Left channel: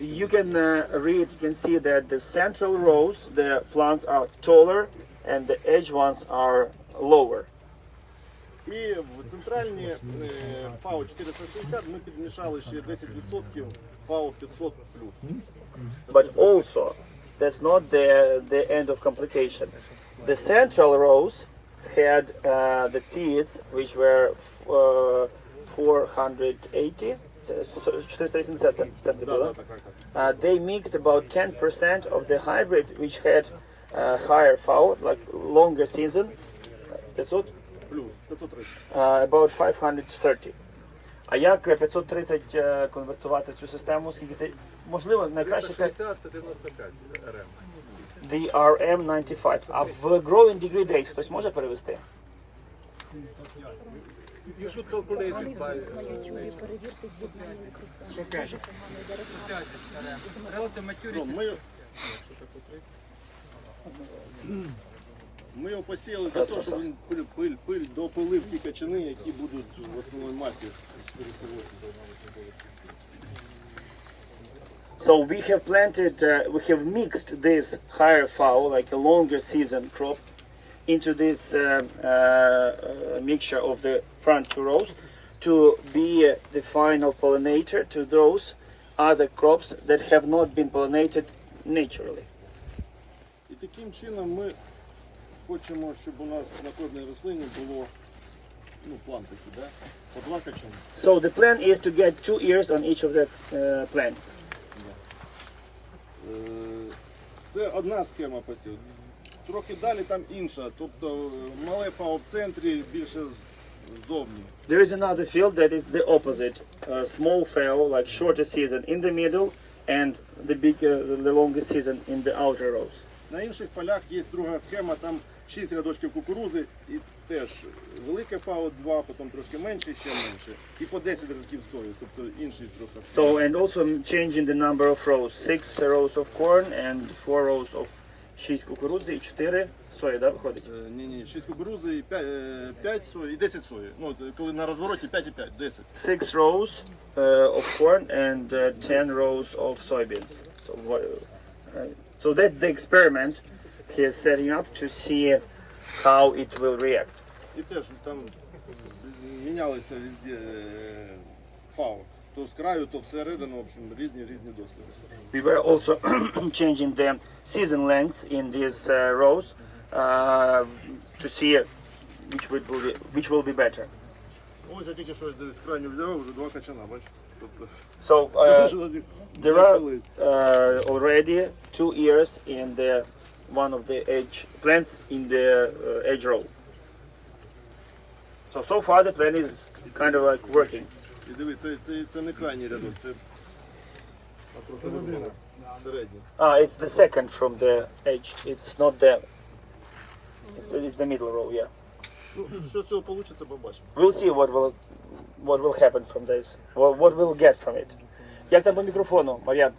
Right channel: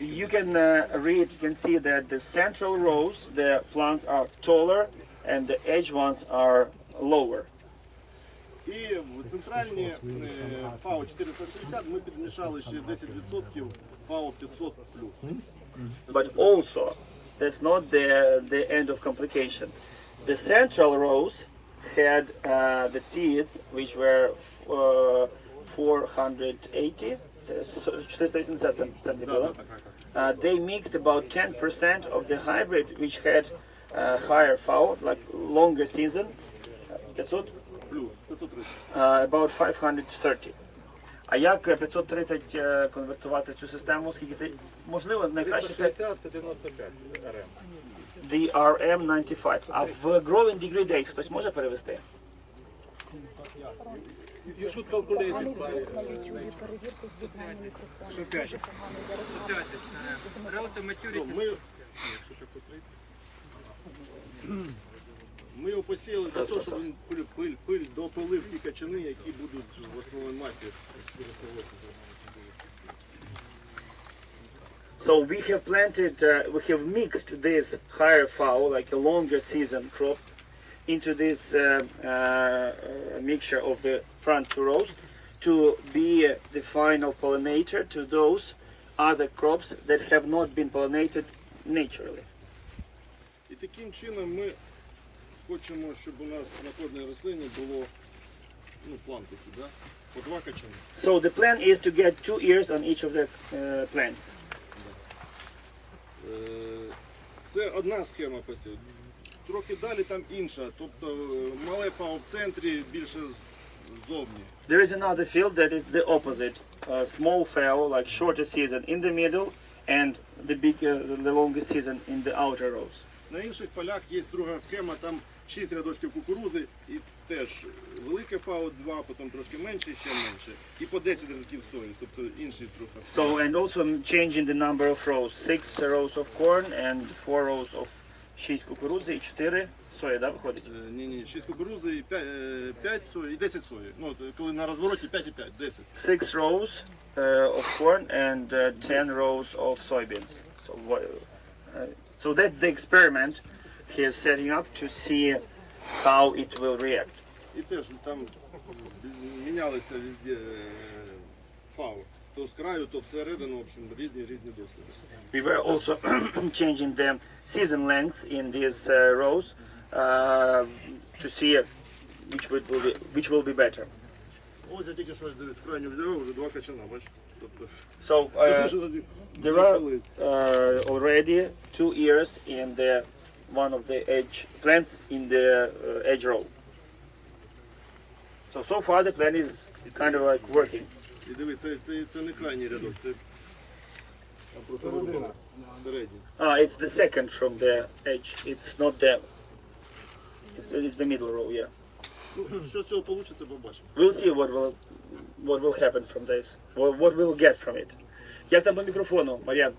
You can uh, read, you can see that the central rows, the plants are taller and the edge ones are lower. І в центральні е, ФАО 460 ми підмішали ще 10% ФАО 500 плюс. But also, that's not the, the end of complication. The central rows had uh, the seeds which were uh, 480, це 480 something Да, да, like так, так, так. Uh, they mixed about 10% of the hybrid which had uh, higher FAO, like longer season, uh, 500, Плюс 530. uh, about 530. А як е, 530 е, конвертувати цю систему? Скільки це можливо найкраще це 360 це 95 РМ. DRM95. А в Growing Degree Days хтось може перевести? You should calculate it by Перевірте з'єднання мікрофону. Relative Ну, maturity Ми, ми його посіяли для того, щоб він пиль, пиль, пиль допилив ті качани, які будуть в основній масі 480. So we have planted, uh, we have mixed this higher fowl, like a longer season crop, into this uh, uh, uh, mixture of the front two rows to be the final pollinator to those other crops that have not been pollinated naturally. І таким чином ми хочемо, щоб у нас на кожній рослині було ну, план такий, да? по два качани. So the plan is to get two ears on each of the uh, plants. Е, Це одна схема посів. Трохи далі там інша. Тобто е, мале фау в центрі, більше зовні. There is another field that is the opposite. A small fowl, like shorter season in the middle, and the bigger, the longer season in the outer rows. На інших полях є друга схема, там 6 рядочків кукурузи і теж велике фау 2, потім трошки менше, ще менше. І по 10 рядків сої, тобто інший трохи. So, and also changing the number of rows. Six rows of corn and four rows of 6 кукурудзи і 4 сої, да, виходить? Е, Ні, ні, 6 кукурузи і 5, 5 сої і 10 сої. Ну, коли на розвороті 5 і 5, 10. Six rows uh, of corn and uh, 10 rows of soybeans. So, what- uh, so that's the experiment he is setting up to see how it will react. І теж там мінялися везде е, фау. То з краю, то всередину, в общем, різні різні досвіди. We were also changing the season length in these uh, rows uh, to see which will be which will be better. Ось я тільки щось з крайню взяв, вже два качана, бачиш? Тобто, So це uh, вже лазі- there are коли. uh, already two ears in the one of the edge plants in the uh, edge row. So so far the plan is kind of like working. І диви, це, це, це не крайній рядок, це а просто глибина, середній. Ah, it's the second from the edge. It's not the. It's, it's the middle row, yeah. Ну, що з цього вийде, побачимо. We'll see what will what will happen from this. What, what we'll get from it. Як там по мікрофону, Мар'ян?